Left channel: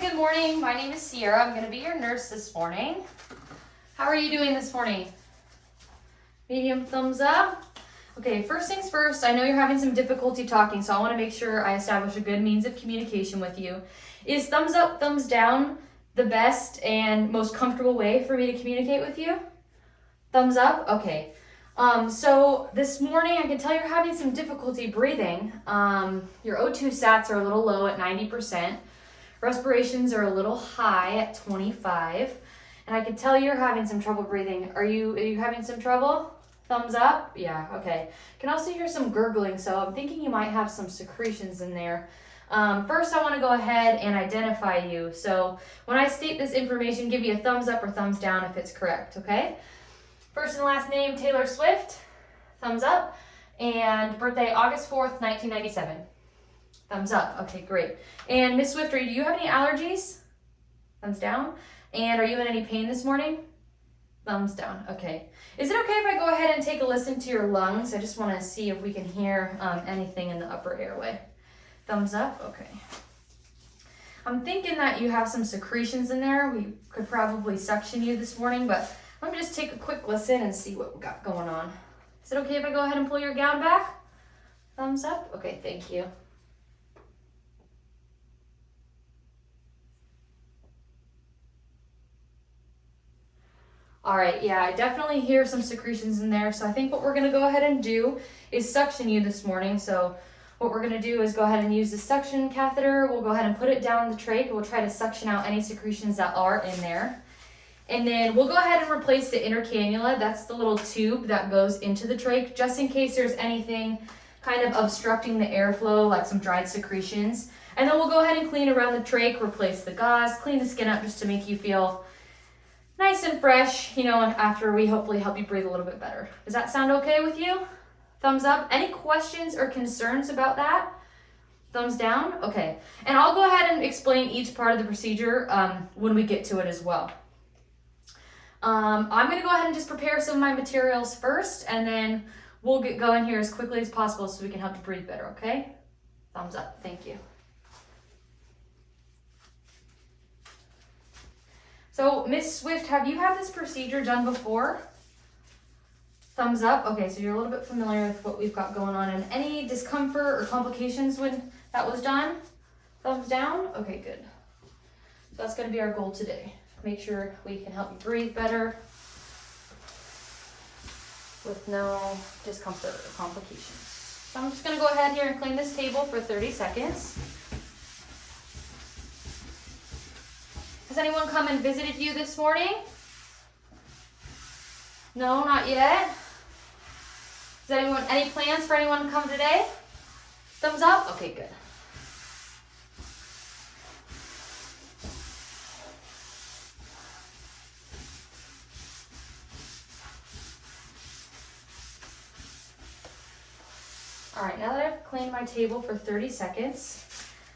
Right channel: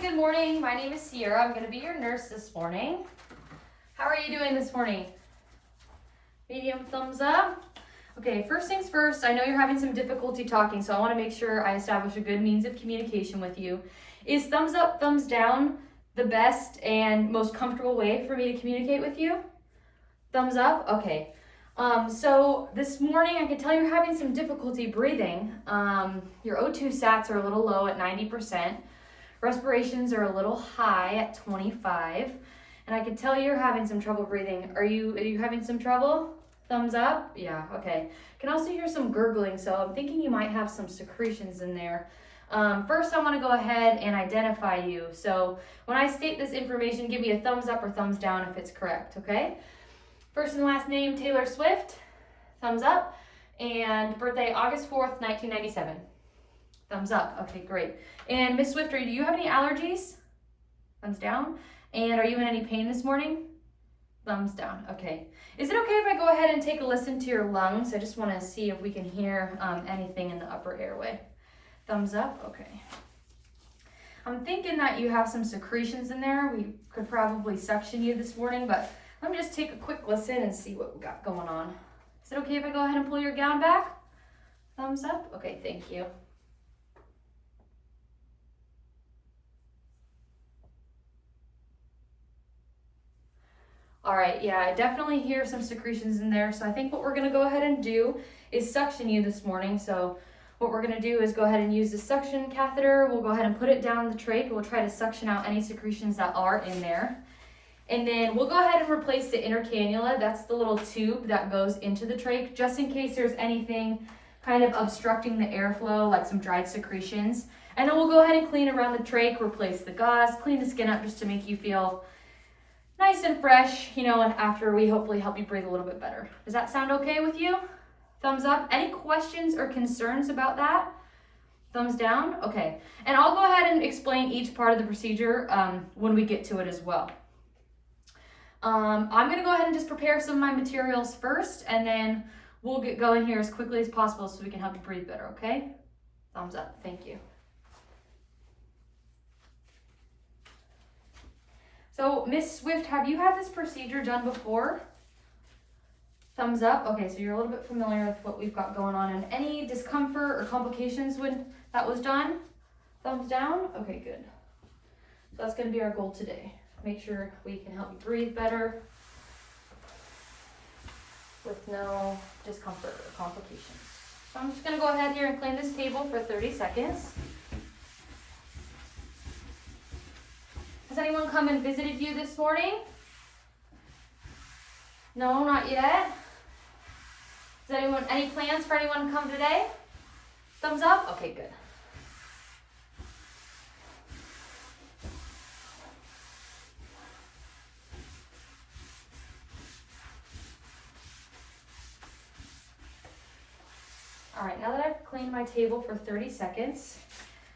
good morning. My name is Sierra. I'm going to be your nurse this morning. How are you doing this morning? Medium thumbs up. Okay, first things first, I know you're having some difficulty talking, so I want to make sure I establish a good means of communication with you. Is thumbs up, thumbs down the best and most comfortable way for me to communicate with you? Thumbs up? Okay. So this morning I can tell you're having some difficulty breathing. Your O2 sats are a little low at 90%. Respirations are a little high at 25. And I can tell you're having some trouble breathing. Are you having some trouble? Thumbs up? Yeah, okay. Can also hear some gurgling, so I'm thinking you might have some secretions in there. First, I want to go ahead and identify you. So when I state this information, give me a thumbs up or thumbs down if it's correct, okay? First and last name, Taylor Swift, thumbs up. And birthday, August 4th, 1997. Thumbs up, okay, great. And Miss Swift, do you have any allergies? Thumbs down. And are you in any pain this morning? Thumbs down, okay. Is it okay if I go ahead and take a listen to your lungs? I just want to see if we can hear anything in the upper airway. Thumbs up, okay. I'm thinking that you have some secretions in there. We could probably suction you this morning, but let me just take a quick listen and see what we got going on. Is it okay if I go ahead and pull your gown back? Thumbs up, okay, thank you. All right, yeah, I definitely hear some secretions in there. So I think what we're gonna go ahead and do is suction you this morning. So what we're gonna do is go ahead and use the suction catheter. We'll go ahead and put it down the trach and we'll try to suction out any secretions that are in there. And then we'll go ahead and replace the inner cannula. That's the little tube that goes into the trach, just in case there's anything kind of obstructing the airflow, like some dried secretions. And then we'll go ahead and clean around the trach, replace the gauze, clean the skin up just to make you feel nice and fresh, you know, and after we hopefully help you breathe a little bit better. Does that sound okay with you? Thumbs up. Any questions or concerns about that? Thumbs down? Okay. And I'll go ahead and explain each part of the procedure when we get to it as well. I'm going to go ahead and just prepare some of my materials first, and then we'll get going here as quickly as possible so we can help you breathe better, okay? Thumbs up. Thank you. So, Miss Swift, have you had this procedure done before? Thumbs up. Okay, so you're a little bit familiar with what we've got going on. And any discomfort or complications when that was done? Thumbs down. Okay, good. So that's going to be our goal today. Make sure we can help you breathe better with no discomfort or complications. So I'm just going to go ahead here and clean this table for 30 seconds. Has anyone come and visited you this morning? No, not yet. Any plans for anyone to come today? Thumbs up? Okay, good. All right, now that I've cleaned my table for 30 seconds,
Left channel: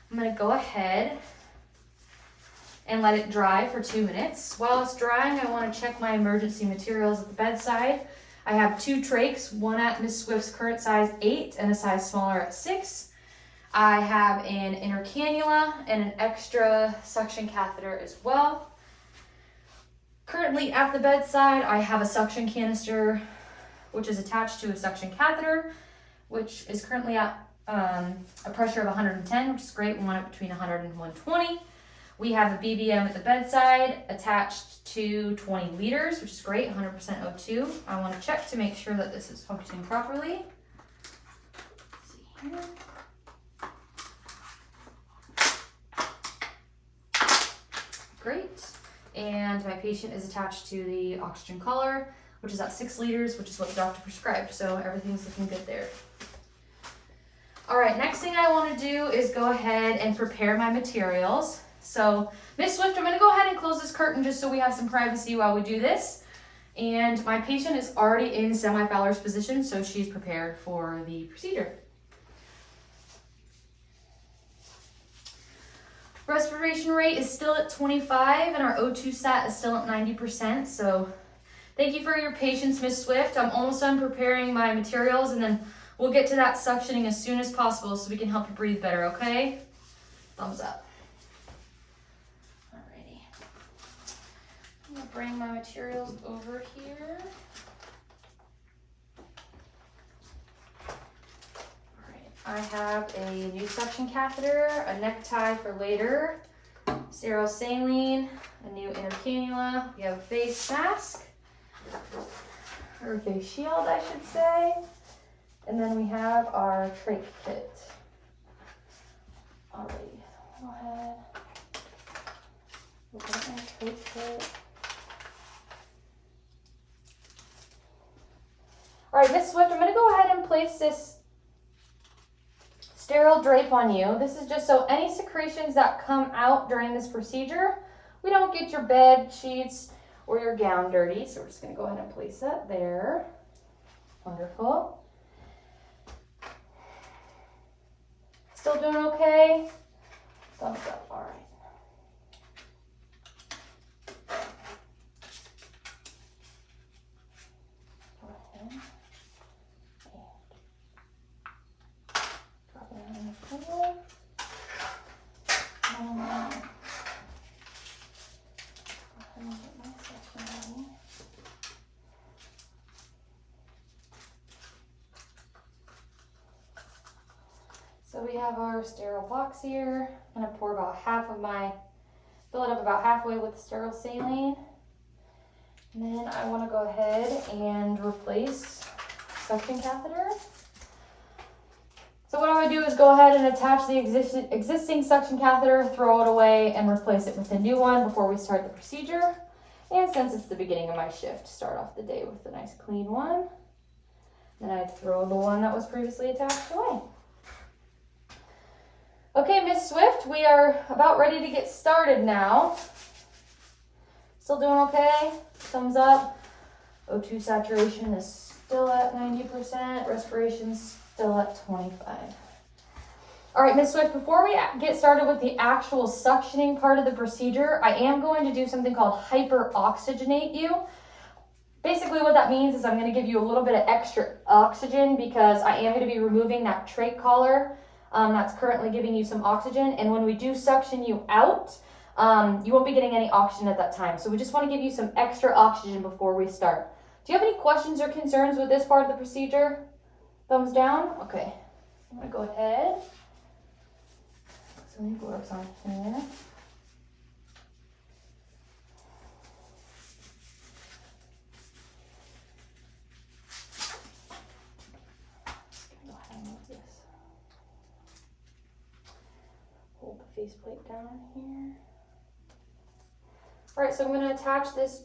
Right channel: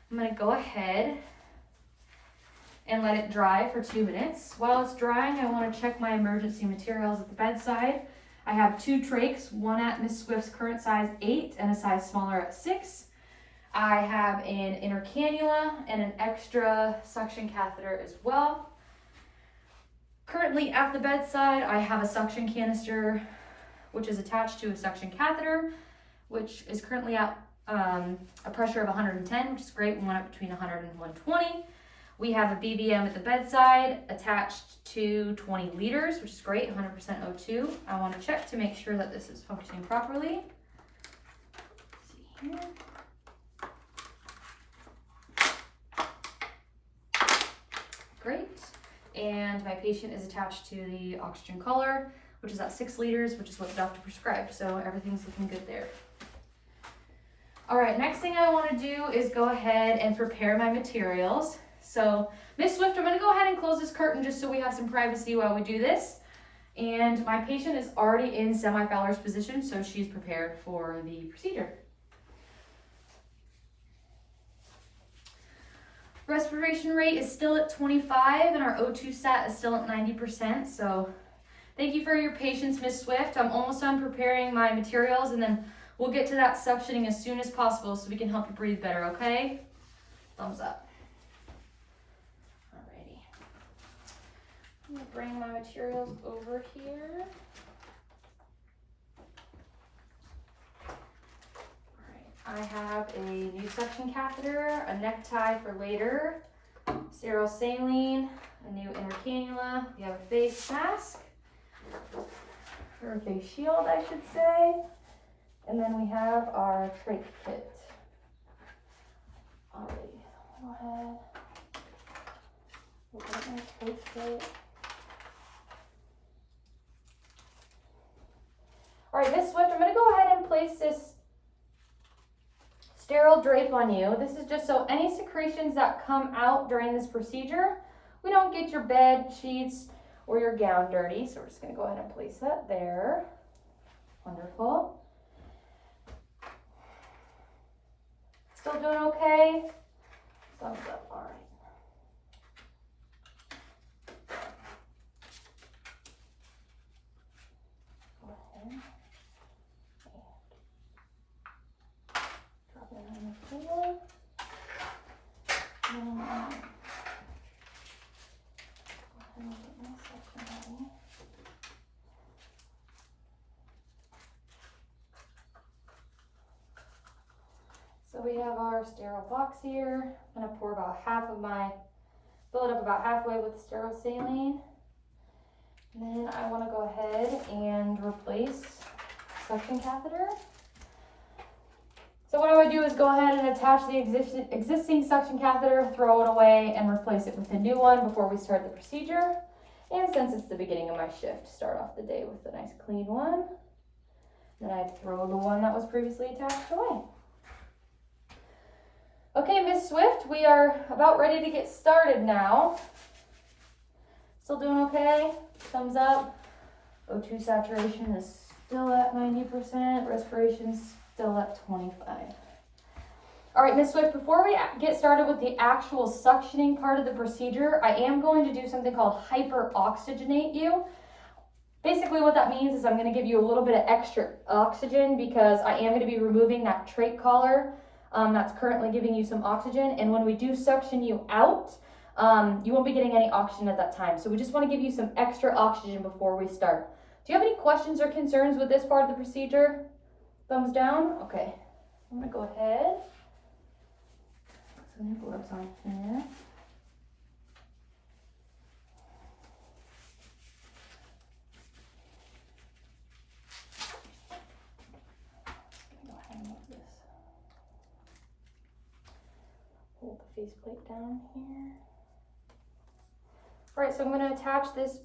I'm gonna go ahead and let it dry for 2 minutes. While it's drying, I want to check my emergency materials at the bedside. I have 2 trachs, one at Miss Swift's current size 8 and a size smaller at 6. I have an inner cannula and an extra suction catheter as well. Currently at the bedside, I have a suction canister which is attached to a suction catheter, which is currently at a pressure of 110, which is great. We want it between 100 and 120. We have a BBM at the bedside attached to 20 liters, which is great, 100% O2. I want to check to make sure that this is functioning properly. Let's see here. Great. And my patient is attached to the oxygen collar, which is at 6 liters, which is what the doctor prescribed. So everything's looking good there. All right, next thing I want to do is go ahead and prepare my materials. So, Miss Swift, I'm going to go ahead and close this curtain just so we have some privacy while we do this. And my patient is already in semi-Fowler's position, so she's prepared for the procedure. Respiration rate is still at 25, and our O2 sat is still at 90%. So, thank you for your patience, Miss Swift. I'm almost done preparing my materials, and then we'll get to that suctioning as soon as possible so we can help you breathe better, okay? Thumbs up. I'm gonna bring my materials over here. I have a new suction catheter, a necktie for later, sterile saline, a new inner cannula. We have a face mask, or face shield, I should say. And then we have our trach kit. Alrighty, go ahead. We'll put it in the trach kit. Alright, Miss Swift, I'm going to go ahead and place this sterile drape on you. This is just so any secretions that come out during this procedure, we don't get your bed sheets or your gown dirty. So we're just going to go ahead and place that there. Wonderful. Still doing okay? Thumbs up, all right. Okay. Drop it in the pillow. So we have our sterile box here. I'm gonna pour about fill it up about halfway with sterile saline. And then I wanna go ahead and replace suction catheter. So what I would do is go ahead and attach the existing suction catheter, throw it away, and replace it with a new one before we start the procedure. And since it's the beginning of my shift, start off the day with a nice clean one. Then I'd throw the one that was previously attached away. Okay, Miss Swift, we are about ready to get started now. Still doing okay? Thumbs up. O2 saturation is still at 90%. Respiration's still at 25. All right, Miss Swift, before we get started with the actual suctioning part of the procedure, I am going to do something called hyperoxygenate you. Basically what that means is I'm going to give you a little bit of extra oxygen because I am going to be removing that trach collar that's currently giving you some oxygen. And when we do suction you out, you won't be getting any oxygen at that time. So we just want to give you some extra oxygen before we start. Do you have any questions or concerns with this part of the procedure? Thumbs down? Okay. I'm going to go ahead. Some new gloves on here. Hold the faceplate down here. All right, so I'm going to attach this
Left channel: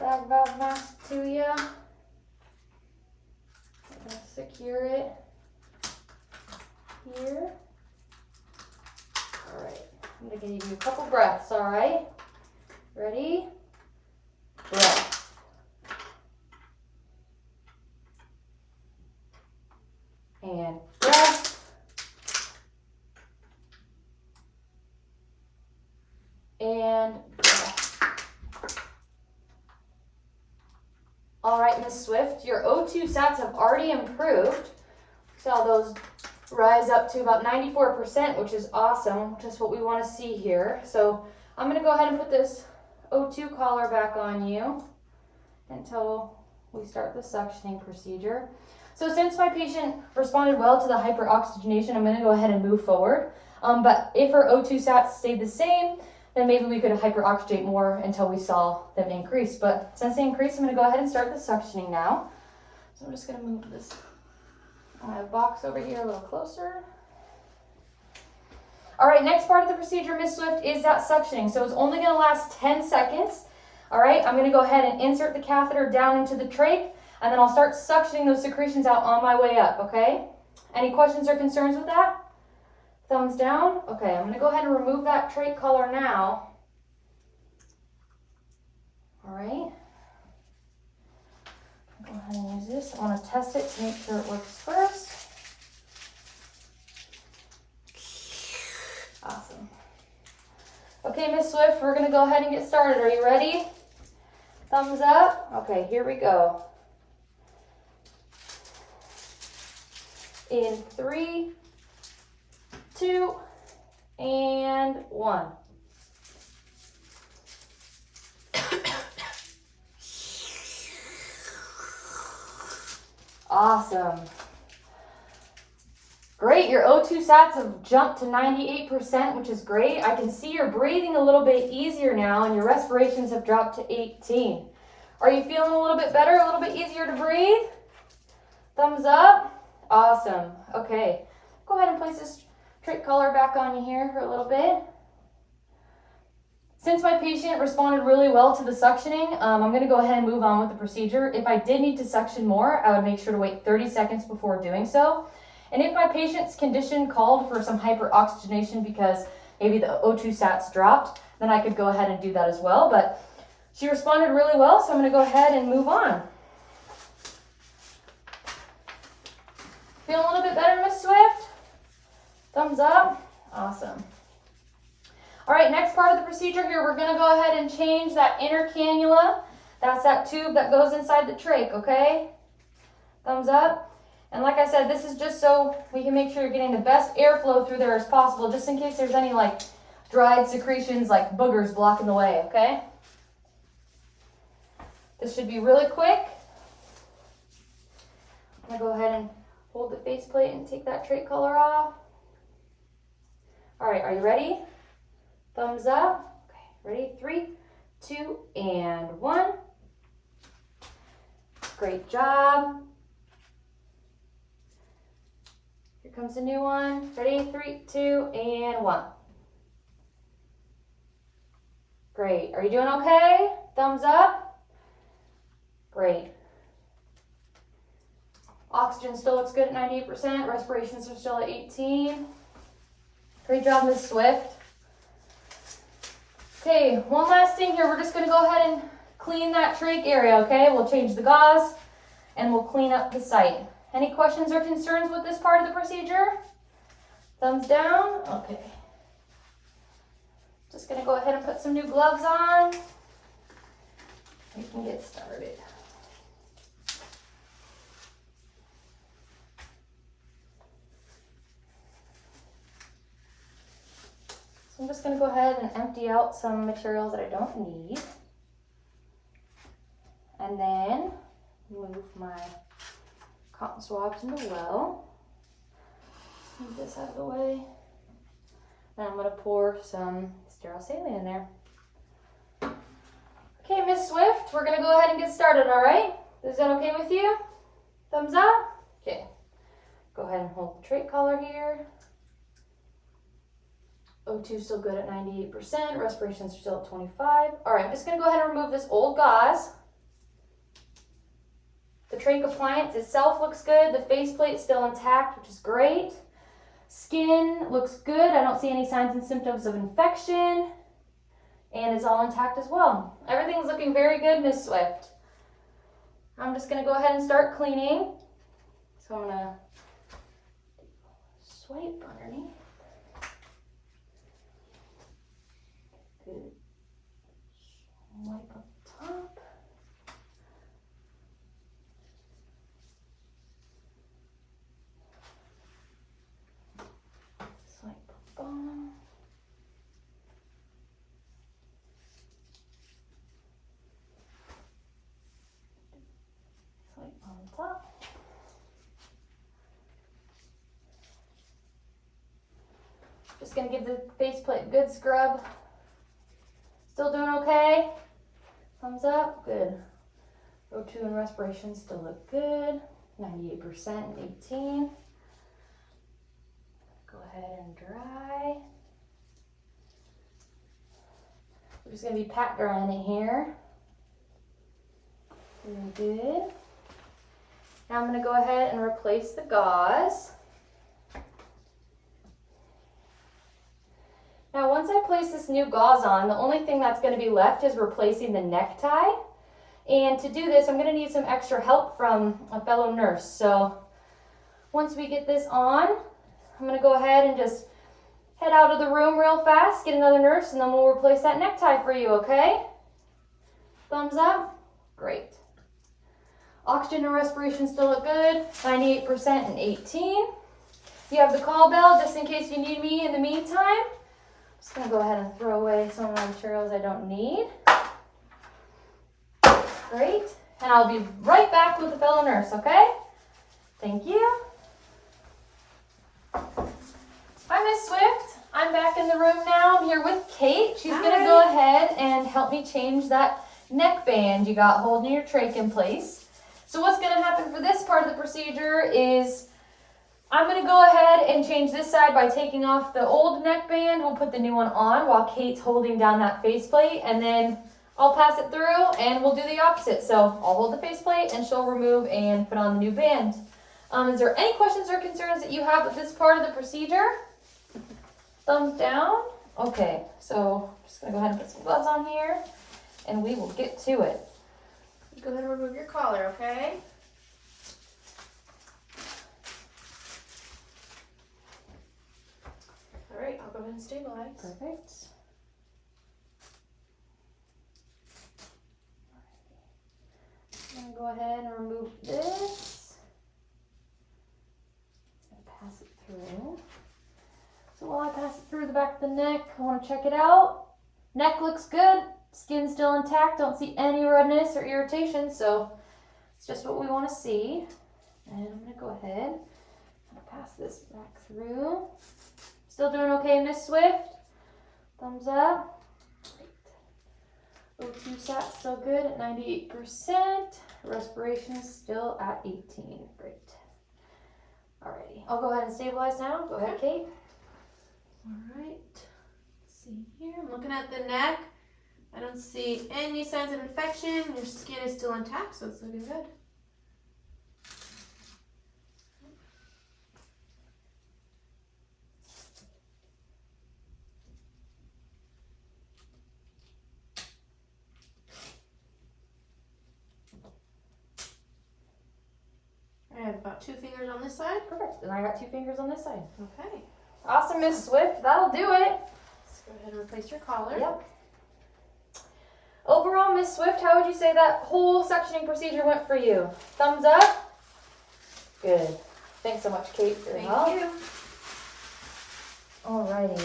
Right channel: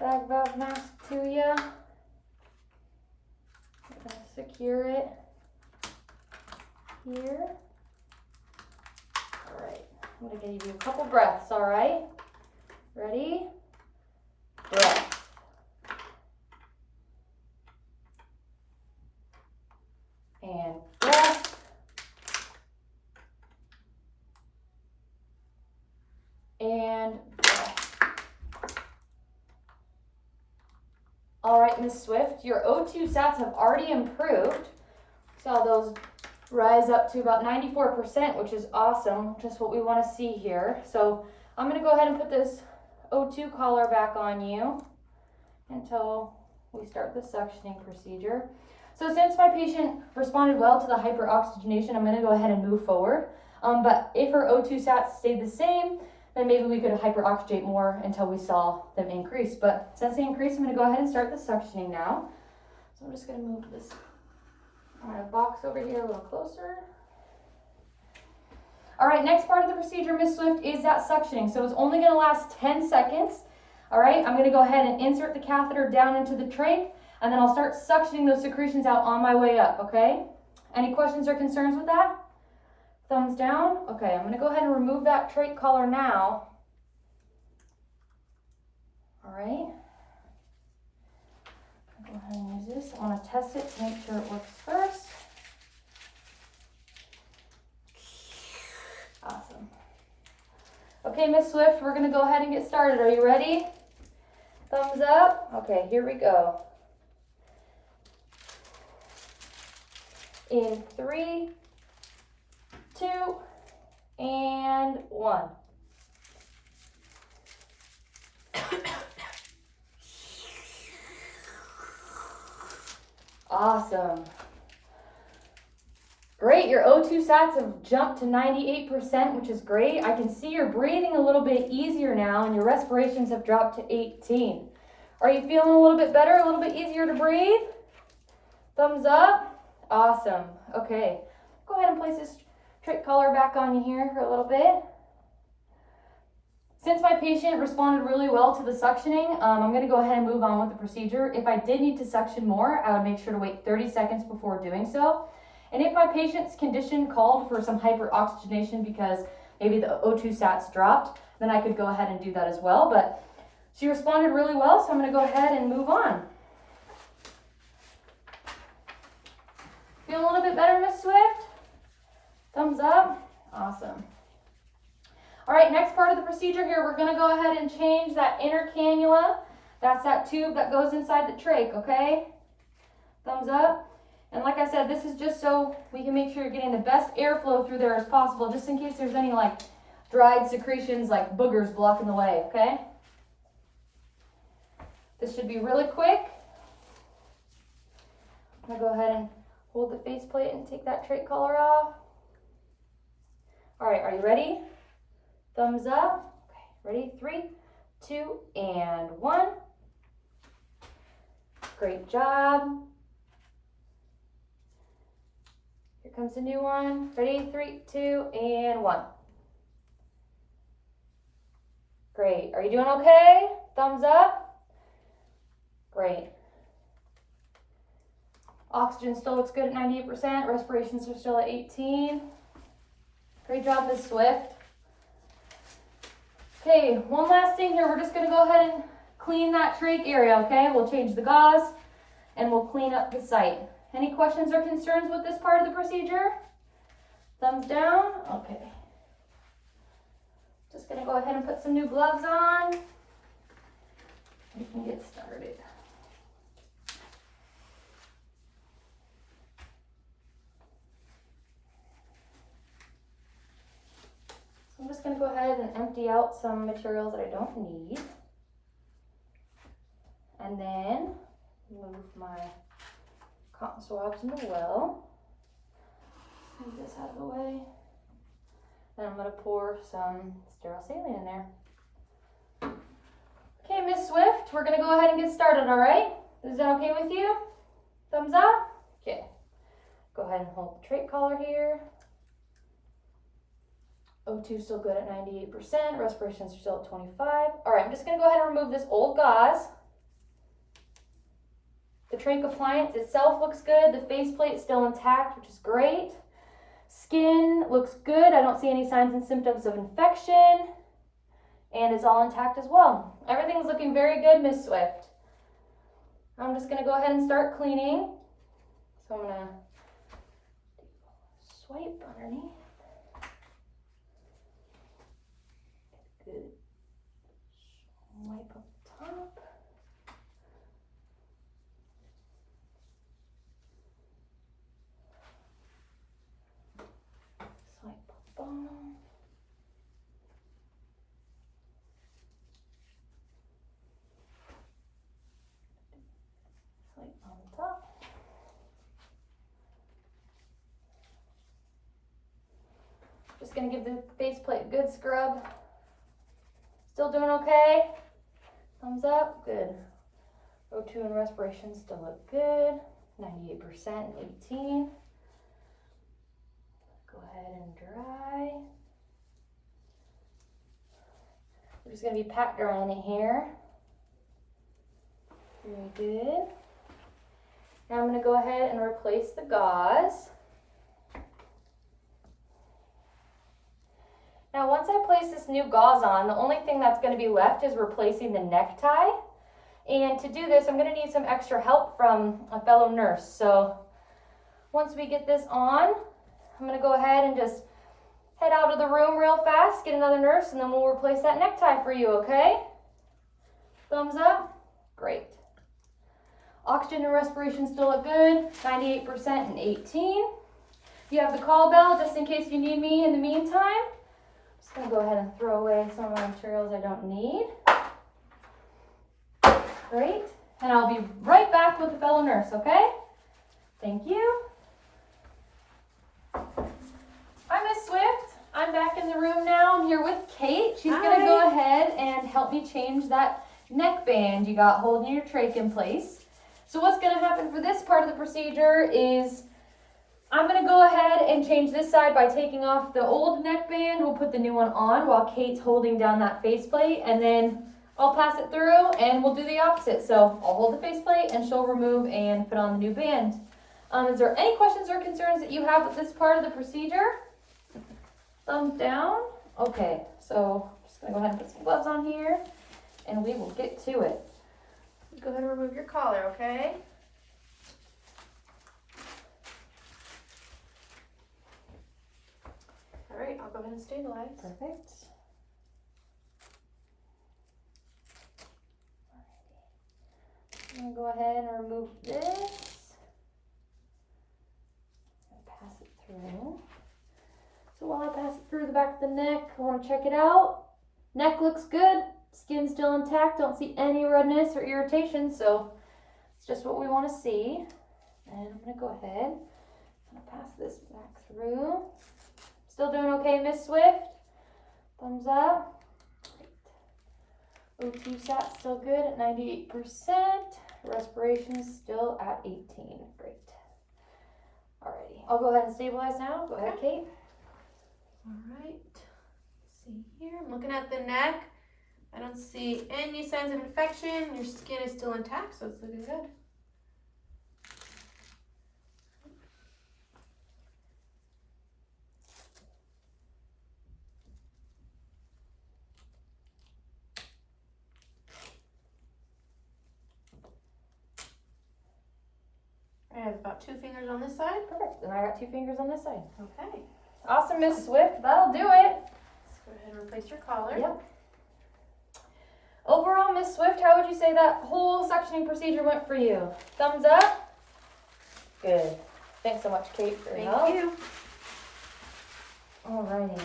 bag valve mask to you. I'm going to secure it here. All right, I'm going to give you a couple breaths, all right? Ready? Breath. And breath. And breath. All right, Miss Swift, your O2 sats have already improved. Saw those rise up to about 94%, which is awesome, just what we want to see here. So I'm going to go ahead and put this O2 collar back on you until we start the suctioning procedure. So since my patient responded well to the hyperoxygenation, I'm going to go ahead and move forward. But if her O2 sats stayed the same, then maybe we could hyperoxygenate more until we saw them increase. But since they increased, I'm going to go ahead and start the suctioning now. So I'm just going to move this box over here a little closer. All right, next part of the procedure, Miss Swift, is that suctioning. So it's only going to last 10 seconds. All right, I'm going to go ahead and insert the catheter down into the trach, and then I'll start suctioning those secretions out on my way up, okay? Any questions or concerns with that? Thumbs down. Okay, I'm going to go ahead and remove that trach collar now. All right. I'll go ahead and use this. I want to test it to make sure it works first. Awesome. Okay, Miss Swift, we're going to go ahead and get started. Are you ready? Thumbs up. Okay, here we go. In 3, 2, and 1. Awesome. Great, your O2 sats have jumped to 98%, which is great. I can see you're breathing a little bit easier now and your respirations have dropped to 18. Are you feeling a little bit better, a little bit easier to breathe? Thumbs up. Awesome. Okay, go ahead and place this trach collar back on you here for a little bit. Since my patient responded really well to the suctioning, I'm going to go ahead and move on with the procedure. If I did need to suction more, I would make sure to wait 30 seconds before doing so. And if my patient's condition called for some hyperoxygenation because maybe the O2 sats dropped, then I could go ahead and do that as well. But she responded really well, so I'm going to go ahead and move on. Feel a little bit better, Miss Swift? Thumbs up. Awesome. All right, next part of the procedure here, we're going to go ahead and change that inner cannula. That's that tube that goes inside the trach, okay? Thumbs up. And like I said, this is just so we can make sure you're getting the best airflow through there as possible, just in case there's any like dried secretions like boogers blocking the way, okay? This should be really quick. I'm gonna go ahead and hold the faceplate and take that trach collar off. All right, are you ready? Thumbs up. Okay, ready? 3, 2, and 1. Great job. Here comes a new one. Ready? 3, 2, and 1. Great. Are you doing okay? Thumbs up. Great. Oxygen still looks good at 98%. Respirations are still at 18. Great job, Miss Swift. Okay, one last thing here. We're just going to go ahead and clean that trach area, okay? We'll change the gauze and we'll clean up the site. Any questions or concerns with this part of the procedure? Thumbs down? Okay. Just going to go ahead and put some new gloves on. We can get started. So I'm just going to go ahead and empty out some materials that I don't need. And then move my cotton swabs in the well. Move this out of the way. Then I'm going to pour some sterile saline in there. Okay, Miss Swift, we're going to go ahead and get started, all right? Is that okay with you? Thumbs up? Okay. Go ahead and hold the trach collar here. O2 still good at 98%. Respirations are still at 25. All right, I'm just going to go ahead and remove this old gauze. The trach appliance itself looks good. The faceplate is still intact, which is great. Skin looks good. I don't see any signs and symptoms of infection. And it's all intact as well. Everything's looking very good, Miss Swift. I'm just going to go ahead and start cleaning. So I'm going to swipe underneath. Good. Wipe up top. Swipe up bottom. Swipe on top. Just going to give the faceplate a good scrub. Still doing okay? Thumbs up, good. O2 and respiration still look good. 98% and 18. Go ahead and dry. We're just gonna be pat drying it here. Very good. Now I'm gonna go ahead and replace the gauze. Now, once I place this new gauze on, the only thing that's going to be left is replacing the necktie. And to do this, I'm going to need some extra help from a fellow nurse. So once we get this on, I'm going to go ahead and just head out of the room real fast, get another nurse, and then we'll replace that necktie for you, okay? Thumbs up? Great. Oxygen and respiration still look good, 98% and 18. You have the call bell just in case you need me in the meantime. Just gonna go ahead and throw away some of my materials I don't need. Great, and I'll be right back with the fellow nurse, okay? Thank you. Hi, Miss Swift. I'm back in the room now. I'm here with Kate. She's going to go ahead and help me change that neck band you got holding your trach in place. So what's going to happen for this part of the procedure is I'm going to go ahead and change this side by taking off the old neck band. We'll put the new one on while Kate's holding down that faceplate, and then I'll pass it through and we'll do the opposite. So I'll hold the faceplate and she'll remove and put on the new band. Is there any questions or concerns that you have with this part of the procedure? Thumbs down. Okay, so I'm just going to go ahead and put some gloves on here and we will get to it. Go ahead and remove your collar, okay? All right, I'll go ahead and stabilize. Perfect. I'm going to go ahead and remove this and pass it through. So while I pass it through the back of the neck, I want to check it out. Neck looks good. Skin's still intact. Don't see any redness or irritation, so it's just what we want to see. And I'm going to go ahead and pass this back through. Still doing okay, Miss Swift? Thumbs up. Great. O2 sat still good at 98%. Respiration still at 18. Great. Alrighty. I'll go ahead and stabilize now. Go ahead, Kate. All right. Let's see here. I'm looking at the neck. I don't see any signs of infection. Your skin is still intact, so it's looking good. I have about 2 fingers on this side. Perfect. And I got 2 fingers on this side. Okay. Awesome, Miss Swift. That'll do it. Let's go ahead and replace your collar. Yep. Overall, Miss Swift, how would you say that whole sectioning procedure went for you? Thumbs up? Good. Thanks so much, Kate, for your help. Thank you. Alrighty.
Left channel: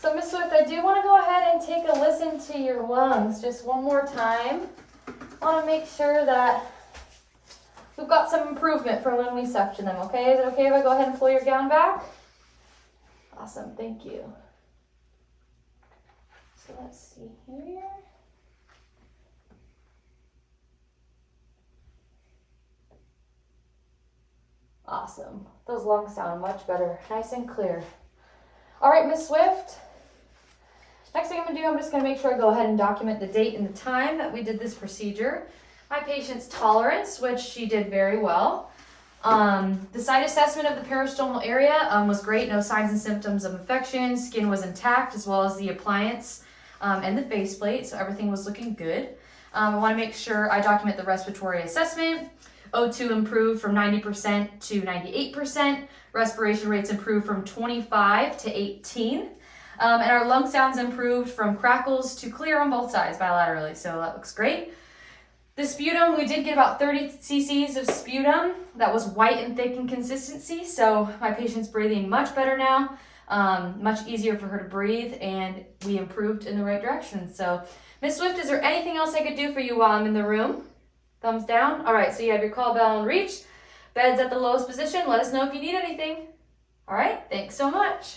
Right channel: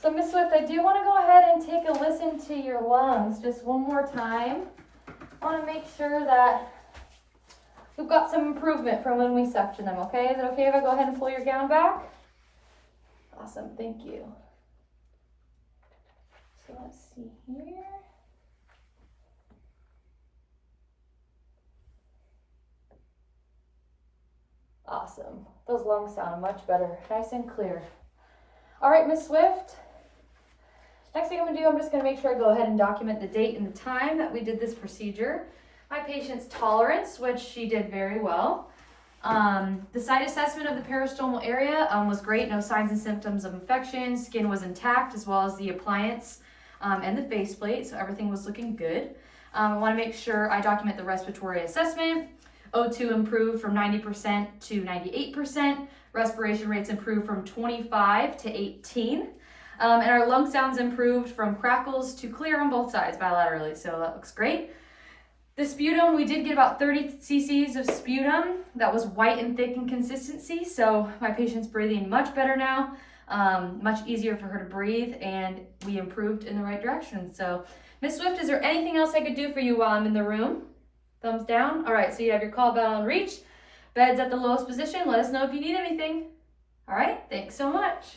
So, Miss Swift, I do want to go ahead and take a listen to your lungs just one more time. I want to make sure that we've got some improvement from when we suction them, okay? Is it okay if I go ahead and pull your gown back? Awesome, thank you. So let's see here. Awesome. Those lungs sound much better. Nice and clear. All right, Miss Swift. Next thing I'm going to do, I'm just going to make sure I go ahead and document the date and the time that we did this procedure. My patient's tolerance, which she did very well. The site assessment of the peristomal area was great. No signs and symptoms of infection. Skin was intact, as well as the appliance and the faceplate, so everything was looking good. I want to make sure I document the respiratory assessment. O2 improved from 90% to 98%. Respiration rates improved from 25 to 18. And our lung sounds improved from crackles to clear on both sides bilaterally, so that looks great. The sputum, we did get about 30 cc's of sputum. That was white and thick in consistency, so my patient's breathing much better now, much easier for her to breathe, and we improved in the right direction. So, Miss Swift, is there anything else I could do for you while I'm in the room? Thumbs down. All right, so you have your call bell in reach. Bed's at the lowest position. Let us know if you need anything. All right, thanks so much.